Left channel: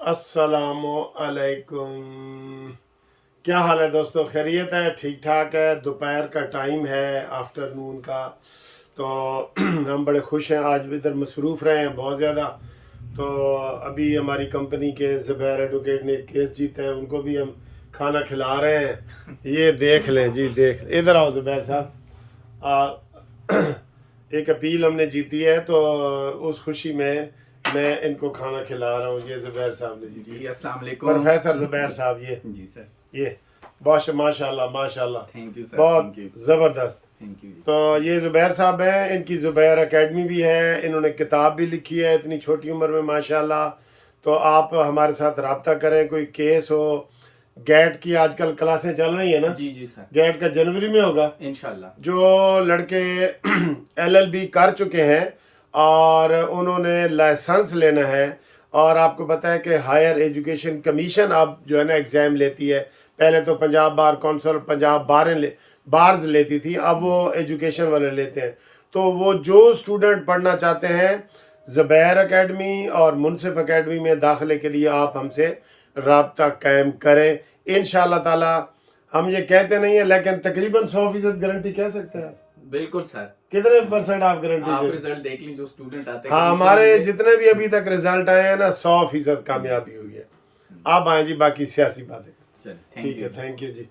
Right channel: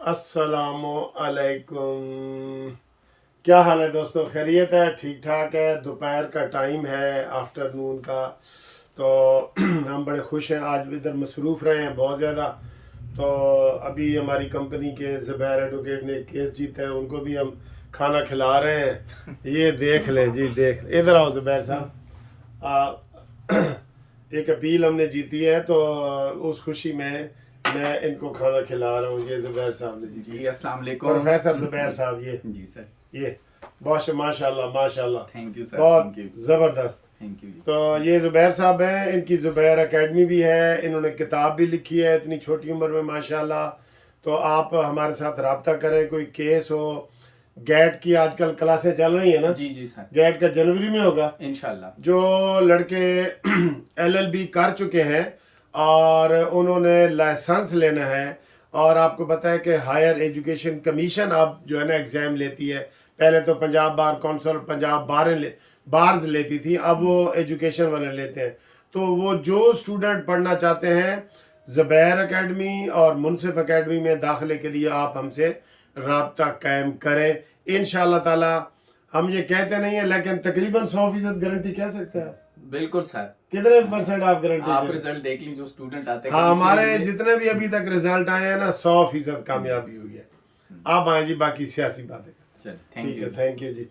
अस्सलाम अलैकुम। क्या हाल है दोस्तों? खैरियत है? ठीक ठाक है? दोपहर का टाइम है, आफ्टरनून का। तो हम बड़े खुश हैं, आज इधर मसरूफ़ रहे हैं बहुत ज़्यादा। तो अभी हमारी कंपनी के ज़ुबैर एडवोकेट ने एक केस जीता है, उनको भी हम खाना खिला रहे हैं। ये देख लें जी, देख इधर आओ ज़ुबैर साहब। एक अपील हमने जीती है, तो उस खुशी में मैं इनको खाना खिला रहा हूँ। ये ज़ुबैर साहब ने जीती जी अस्सलाम वालेकुम प्रोफेसर ज़ुबैर साहब। ये जी सर, ये बहुत माशाल्लाह माशाल्लाह, थैंक यू सर, बहुत थैंक यू, ज़बरदस्त। थैंक यू जी। तो ये ज़ुबैर साहब हैं, इनकी ज़ुबैर एकेडमी भी है, इन्होंने किताब भी लिखी है इतनी छोटी उम्र में माशाल्लाह। तो आप हमारे साथ रब्ता करें, कोई केस हो। गैट की आजकल क्लासें चल रही है ना? जी जी सर, गैट का जनवरी में होगा। इंशाल्लाह। जो लड़के LLB कर चुके हैं और उन्होंने लाइसेंस लेना है, और आपको पता है कि हायर एजुकेशन कमीशन अब जो है ना एग्ज़ाम लेती है। पहले तो Punjab bar council Punjab bars लेती थी, अब वो एजुकेशन वाले लेते हैं। तो वो जो स्टूडेंट पढ़ना चाहते हैं ज़ुबैर एकेडमी और मुनसिफ एकेडमी में दाखिले के लिए आप हमसे राब्ता कायम करें इंशाअल्लाह ताला। हम ये कहते नहीं है, लेकिन तकरीबन 100% गारंटी कह सकते हैं। बिल्कुल सर, कितने परसेंट आप गारंटी आप देते हैं? रिजल्ट देख लीं, जो स्टूडेंट आते हैं हाँ, कभी हमारे से भी जितने भी अभी तक रिजल्ट आए हैं ना, 100% कामयाबी हुई है। आप आए जी, बाकी सियासी बातें। चलिए, ठीक थैंक है, यू। थैंक यू जी।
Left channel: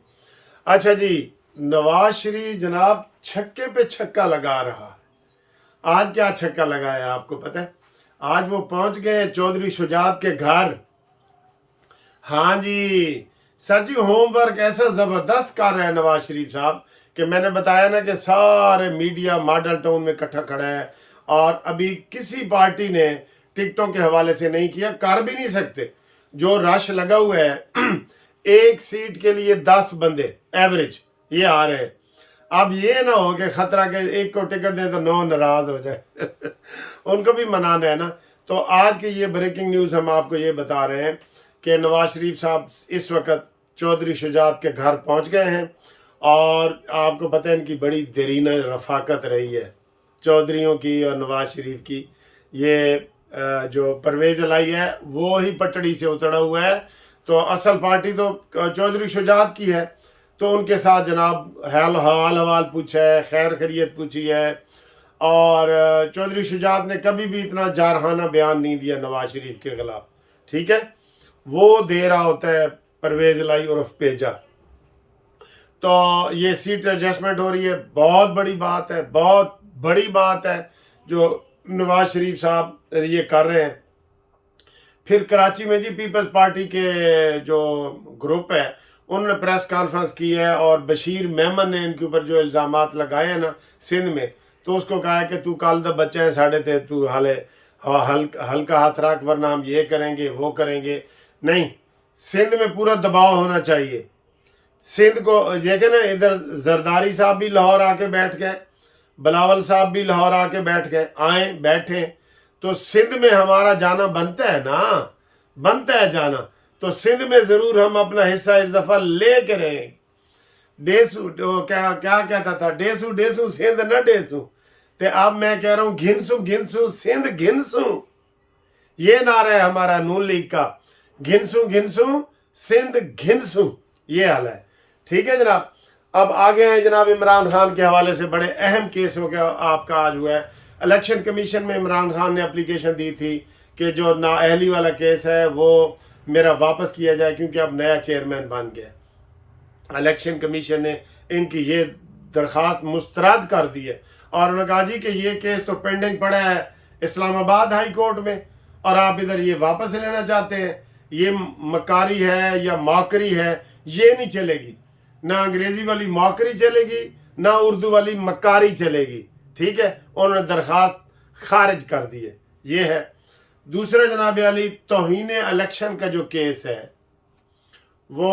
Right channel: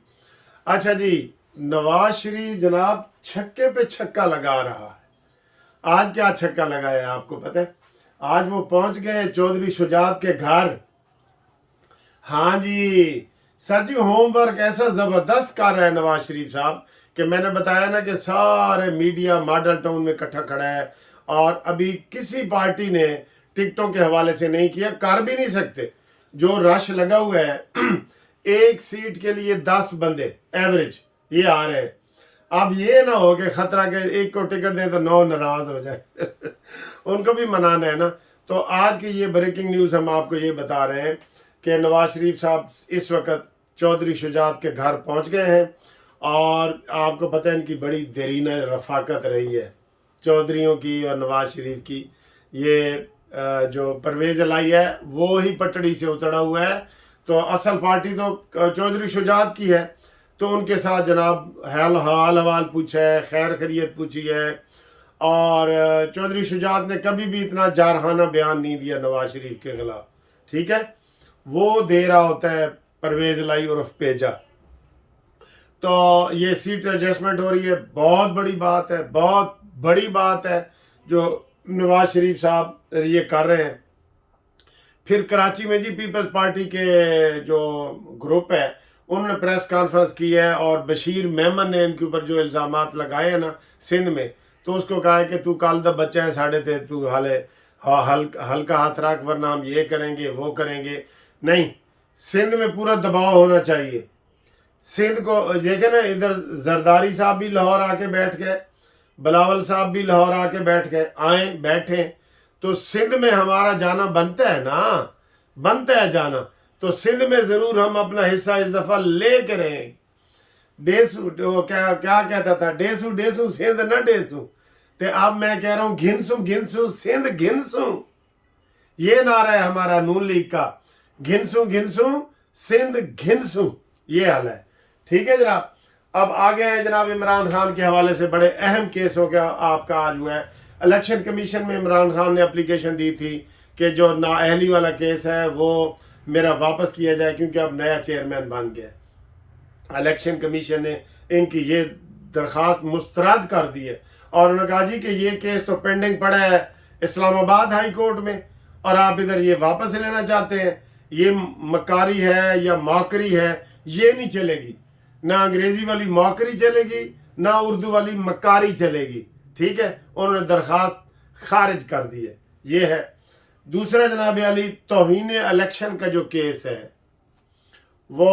अच्छा जी, नवाज शरीफ जनाब छक्के पे छक्का लगा रहा है। आज क्या छक्का लगाया है आपको पता है? आज वो पहुंच गए चौधरी शुजात के घर। हाँ जी सर जी, होमवर्क ऐसा ज़बरदस्त कर रहे हैं नवाज शरीफ साहब कि मैंने बताया ना कि सारे मीडिया मॉडल टाउन में इकट्ठा खड़ा है, और अभी किसी पार्टी ने टिकटों के हवाले से नहीं किया, कर भी नहीं सकते। जो रश लगा हुआ है एक सीट के लिए 10 बंदे एवरेज ये आ रहे हैं। अब ये ना हो कि खतरा के एक को टिकट दे तो 9 नाराज हो जाए। उनको भी मनाना है ना। तो आज की ये ब्रेकिंग न्यूज़ हम आपको ये बता रहे हैं कि नवाज शरीफ साहब इस वक्त चौधरी शुजात के घर पहुंच गए हैं, और आपको पता है इनकी बड़ी देरीना रफाकत रही है चौधरियों की और नवाज शरीफ की। ये जो परवेज़ इलाही है वो ही पटड़ी से उतरा हुआ है, तो असल पार्टी तो चौधरी शुजात की है। तो उनके साथ जनाब हाल हवाल पूछा है, खैर खैरियत पूछी है, और चौधरी शुजात ने कभी भी इतना जारहाना बयान नहीं दिया नवाज शरीफ के खिलाफ। ठीक है, वो दे रहा होता है परवेज़ इलाही उर्फ पेजा। तो ये सीट एडजस्टमेंट हो रही है, बहुत बड़ी बात है, बहुत बड़ी बात है जो नवाज शरीफ साहब ये कर रहे हैं। फिर कराची में जी पीपल्स पार्टी के जो ग्रुप है उन्होंने प्रेस कॉन्फ्रेंस की है, और बशीर मेमन ने इनके ऊपर जो इल्ज़ामात लगाए हैं ना सिंध में, तो उसको कहा है कि तू कल द बच्चा है साढ़े थे, तू हाले हल्का हाथ रख, वरना हम ये करेंगे वो करेंगे। नहीं, सिंध में पूरा दबाव होना चाहिए। सिंध को देखे ना, इधर जरदारी साहब भी लाहौर आके बैठ गए, बिलावल साहब भी लाहौर आके बैठ गए, आए बैठे। तो सिंध में हमारा जाना बनता है ना, बनता है जाना। तो सिंध में ज़रूर हम अपना हिस्सा इस दफ़ा ले के रहेंगे। डेसू वो क्या क्या कहता था, डेसू डेसू सिंध न डेसू। तो अब मैं कह रहा हूँ घिनसू घिनसू सिंध घिनसू। ये नारा है हमारा नून लीग का, घिनसू घिनसू सिंध घिनसू, ये हाल है। ठीक है जनाब। अब आगे हैं जनाब इमरान खान के हवाले से बड़े अहम केस हो गया आपका आज हुआ है। इलेक्शन कमीशन में इमरान खान ने एप्लीकेशन दी थी कि जो नाअहली वाला केस है वो मेरा वापस किया जाए, क्योंकि अब नया चेयरमैन बन गया। इलेक्शन कमीशन ने इनकी ये दरख्वास्त मुस्तरद कर दी है, और उन्होंने कहा जी कि ये केस तो पेंडिंग पड़ा है इस्लामाबाद हाई कोर्ट में, और आप इधर ये वापस लेना चाहते हैं। ये मकारी है या मौकरी है, ये नहीं चलेगी। ना अंग्रेज़ी वाली मौकरी चलेगी, ना उर्दू वाली मकारी चलेगी। ठीक है, उन्होंने दरख्वास्त खारिज कर दी है। ये है। दूसरा जनाब अली, तौहीन इलेक्शन का जो केस है वो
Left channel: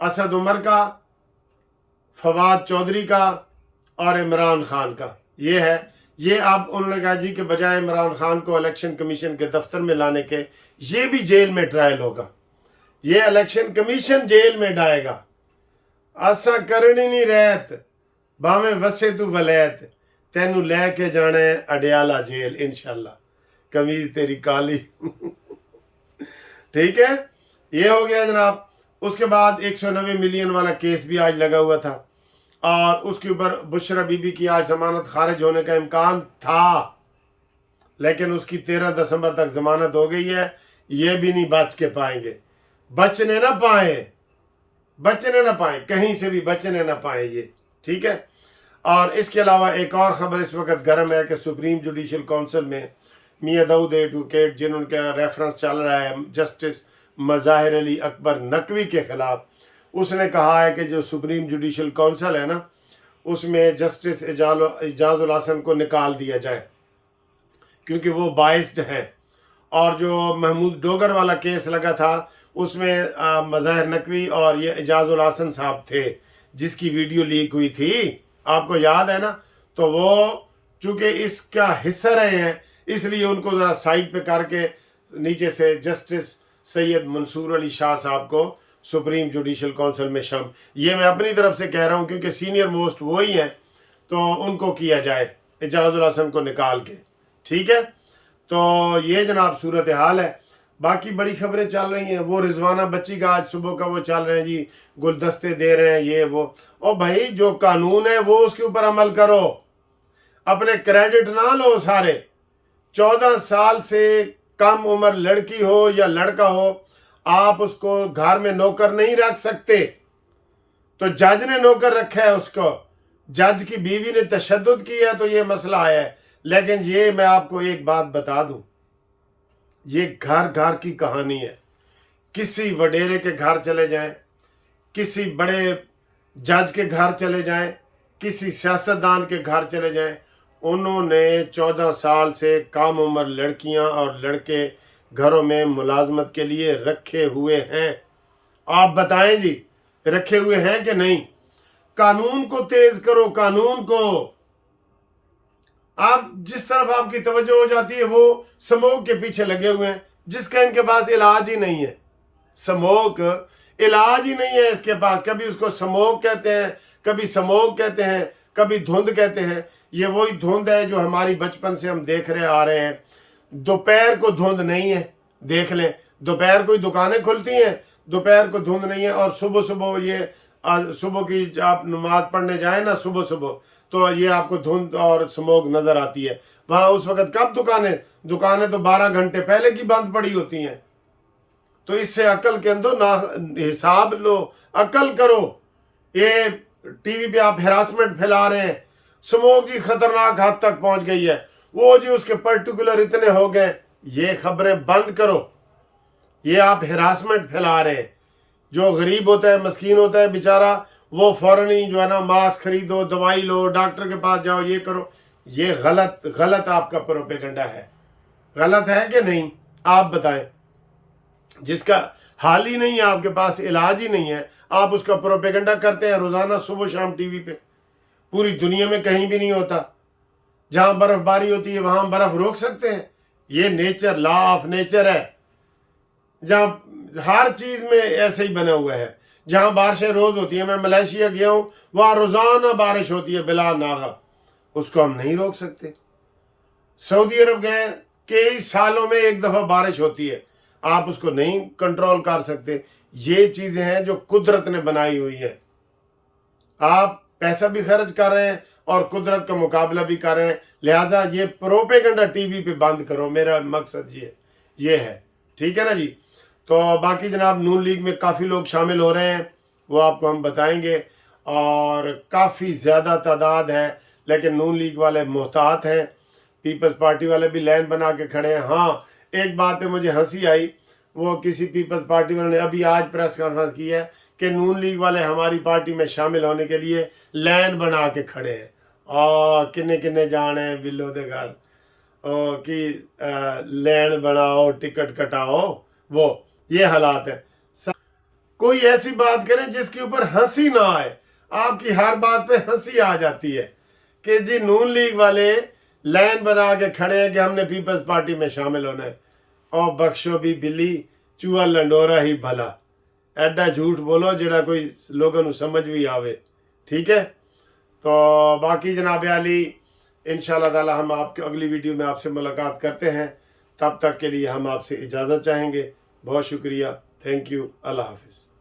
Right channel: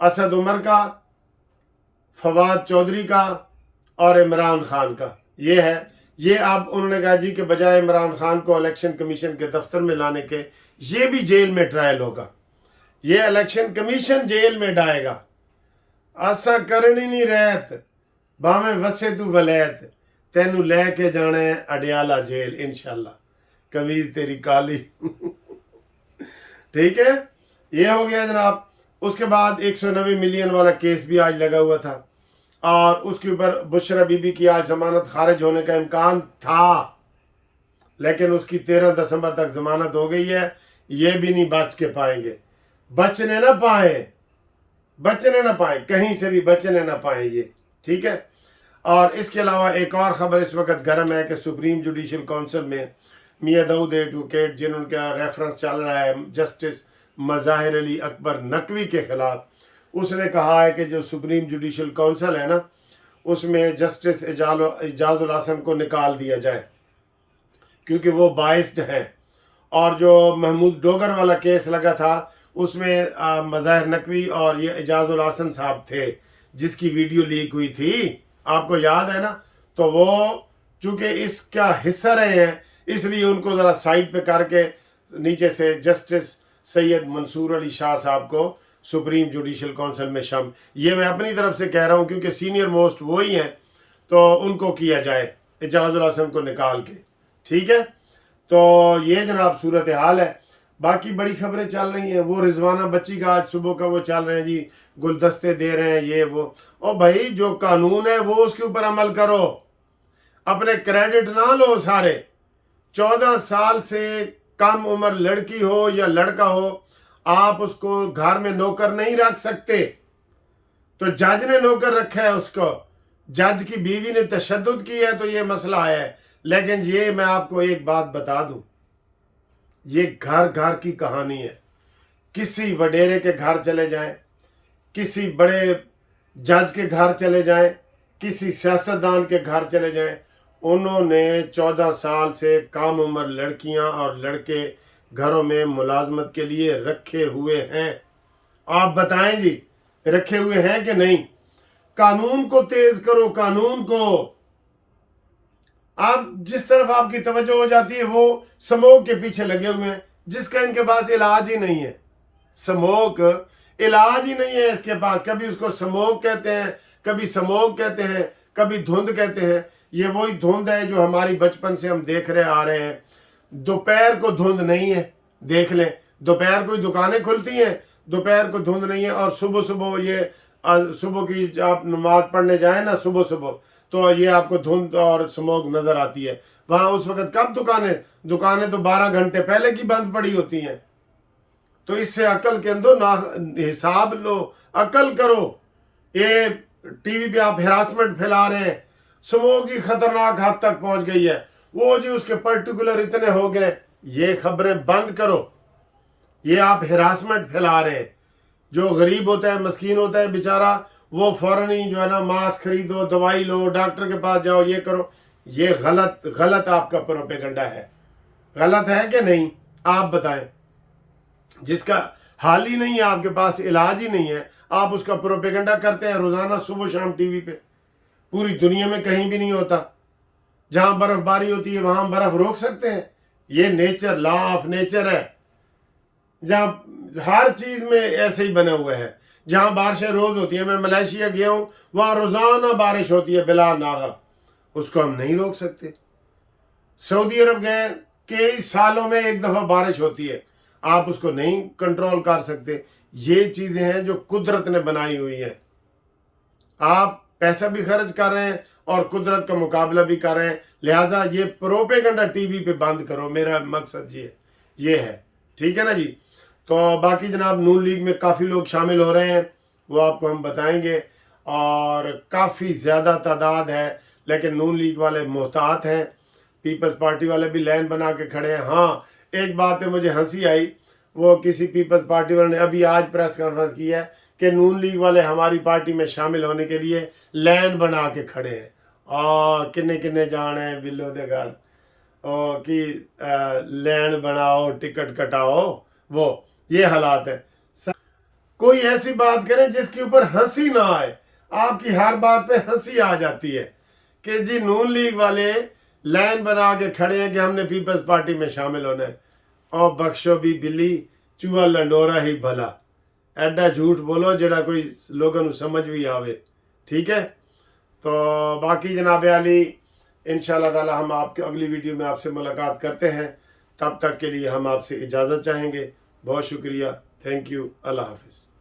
असद उमर का, फवाद चौधरी का और इमरान खान का ये है। ये अब उन्होंने कहा जी कि बजाय इमरान खान को इलेक्शन कमीशन के दफ्तर में लाने के, ये भी जेल में ट्रायल होगा। ये इलेक्शन कमीशन जेल में डालेगा। आसा करनी नहीं रहत भावें वसे तू वलैत, तेनू लैके जाना है अडियाला जेल इंशाल्लाह, कमीज तेरी काली। ठीक है, ये हो गया जनाब। उसके बाद 190 मिलियन वाला केस भी आज लगा हुआ था और उसके ऊपर बुशरा बीबी की आज जमानत खारिज होने का इम्कान था, लेकिन उसकी 13 दिसंबर तक जमानत हो गई है। ये भी नहीं बच के पाएंगे, बचने ना पाए, कहीं से भी बचने ना पाए ये, ठीक है। और इसके अलावा एक और ख़बर इस वक्त गर्म है कि सुप्रीम जुडिशल काउंसिल में मियां दाऊद एडवोकेट जिनका रेफरेंस चल रहा है जस्टिस मज़ाहिर अली अकबर नकवी के ख़िलाफ़, उसने कहा है कि जो सुप्रीम जुडिशल काउंसिल है ना, उसमें जस्टिस इजाज़ुल हसन को निकाल दिया जाए क्योंकि वो बाइस्ड हैं। और जो महमूद डोगर वाला केस लगा था उसमें मज़ाहिर नकवी और ये इजाज़ुल हसन साहब थे जिसकी वीडियो लीक हुई थी, आपको याद है ना। तो वो चूँकि इसका हिस्सा रहे हैं इसलिए उनको ज़रा साइड पे करके नीचे से जस्टिस सैयद मंसूर अली शाह साहब को सुप्रीम जुडिशल काउंसिल में ये मैं अपनी तरफ से कह रहा हूँ क्योंकि सीनियर मोस्ट वही हैं, तो उनको किया जाए इजाज़ुल हसन को निकाल के, ठीक है। तो ये जनाब सूरत हाल है। बाकी बड़ी खबरें चल रही हैं, वो रिजवाना बच्ची का आज सुबह का वो चल रहे हैं जी, गुलदस्ते दे रहे हैं ये वो। और भाई जो कानून है वो उसके ऊपर अमल करो, अपने क्रेडिट ना लो सारे। 14 साल से कम उम्र लड़की हो या लड़का हो, आप उसको घर में नौकर नहीं रख सकते। तो जज ने नौकर रखा है उसको, जज की बीवी ने तशद्दुद की है तो ये मसला आया है। लेकिन ये मैं आपको एक बात बता दूं, ये घर घर की कहानी है। किसी वडेरे के घर चले जाएं, किसी बड़े जज के घर चले जाएं, किसी सियासतदान के घर चले जाएं, उन्होंने 14 साल से कम उम्र लड़कियां और लड़के घरों में मुलाजमत के लिए रखे हुए हैं। आप बताएं जी, रखे हुए हैं कि नहीं? कानून को तेज करो, कानून को। आप जिस तरफ आपकी तवज्जो हो जाती है वो स्मोक के पीछे लगे हुए हैं जिसका इनके पास इलाज ही नहीं है। स्मोक इलाज ही नहीं है इसके पास। कभी उसको स्मोक कहते हैं, कभी स्मोक कहते हैं, कभी धुंध कहते हैं। ये वही धुंध है जो हमारी बचपन से हम देख रहे आ रहे हैं। दोपहर को धुंध नहीं है, देख लें, दोपहर को ही दुकानें खुलती हैं, दोपहर को धुंध नहीं है। और सुबह सुबह ये सुबह की आप नमाज पढ़ने जाए ना सुबह सुबह, तो ये आपको धुंध और स्मोक नजर आती है। वहां उस वक्त कब दुकानें तो 12 घंटे पहले की बंद पड़ी होती हैं। तो इससे अकल के अंदर ना हिसाब लो, अकल करो। ये टीवी पे आप हेरासमेंट फैला रहे हैं, स्मोक की खतरनाक हद तक पहुंच गई है, वो जी उसके पर्टिकुलर इतने हो गए। ये खबरें बंद करो, ये आप हेरासमेंट फैला रहे हैं। जो गरीब होता है, मस्कीन होता है बेचारा, वो फौरन ही जो है ना मास्क खरीदो, दवाई लो, डॉक्टर के पास जाओ, ये करो। ये गलत आपका प्रोपेगेंडा है। गलत है कि नहीं? आप बताएं। जिसका हाल ही नहीं है, आपके पास इलाज ही नहीं है, आप उसका प्रोपेगेंडा करते हैं रोजाना सुबह शाम टीवी पे। पूरी दुनिया में कहीं भी नहीं होता। जहां बर्फबारी होती है वहां बर्फ रोक सकते हैं। ये नेचर, लॉ ऑफ नेचर है, जहां हर चीज में ऐसे ही बना हुआ है। जहां बारिशें रोज होती है, मैं मलेशिया गया हूं, वहां रोजाना बारिश होती है बिला नागा, उसको हम नहीं रोक सकते। सऊदी अरब गए, कई सालों में एक दफा बारिश होती है, आप उसको नहीं कंट्रोल कर सकते। ये चीजें हैं जो कुदरत ने बनाई हुई है। आप पैसा भी खर्च कर रहे हैं और कुदरत का मुकाबला भी कर रहे हैं। लिहाजा ये प्रोपेगेंडा टीवी पे बंद करो, मेरा मकसद ये है, ठीक है ना जी। तो बाकी जनाब नून लीग में काफ़ी लोग शामिल हो रहे हैं, वो आपको हम बताएंगे। और काफ़ी ज़्यादा तादाद है, लेकिन नून लीग वाले मोहतात हैं, पीपल्स पार्टी वाले भी लाइन बना के खड़े हैं। हाँ, एक बात पे मुझे हंसी आई, वो किसी पीपल्स पार्टी वाले ने अभी आज प्रेस कॉन्फ्रेंस की है कि नून लीग वाले हमारी पार्टी में शामिल होने के लिए लाइन बना के खड़े हैं। और किन्ने किन्ने जाने हैं बिल्लो दे घर कि लाइन बनाओ, टिकट कटाओ, वो ये हालात है। कोई ऐसी बात करें जिसके ऊपर हंसी ना आए। आपकी हर बात पे हंसी आ जाती है कि जी नून लीग वाले लाइन बना के खड़े हैं कि हमने पीपल्स पार्टी में शामिल होना है। और बख्शो भी बिल्ली, चूहा लंडोरा ही भला। एडा झूठ बोलो जेड़ा कोई लोगों को समझ भी आवे, ठीक है। तो बाकी जनाब आली इंशाल्लाह ताला हम आपके अगली वीडियो में आपसे मुलाकात करते हैं। तब तक के लिए हम आपसे इजाज़त चाहेंगे। بہت شکریہ. Thank you. اللہ حافظ.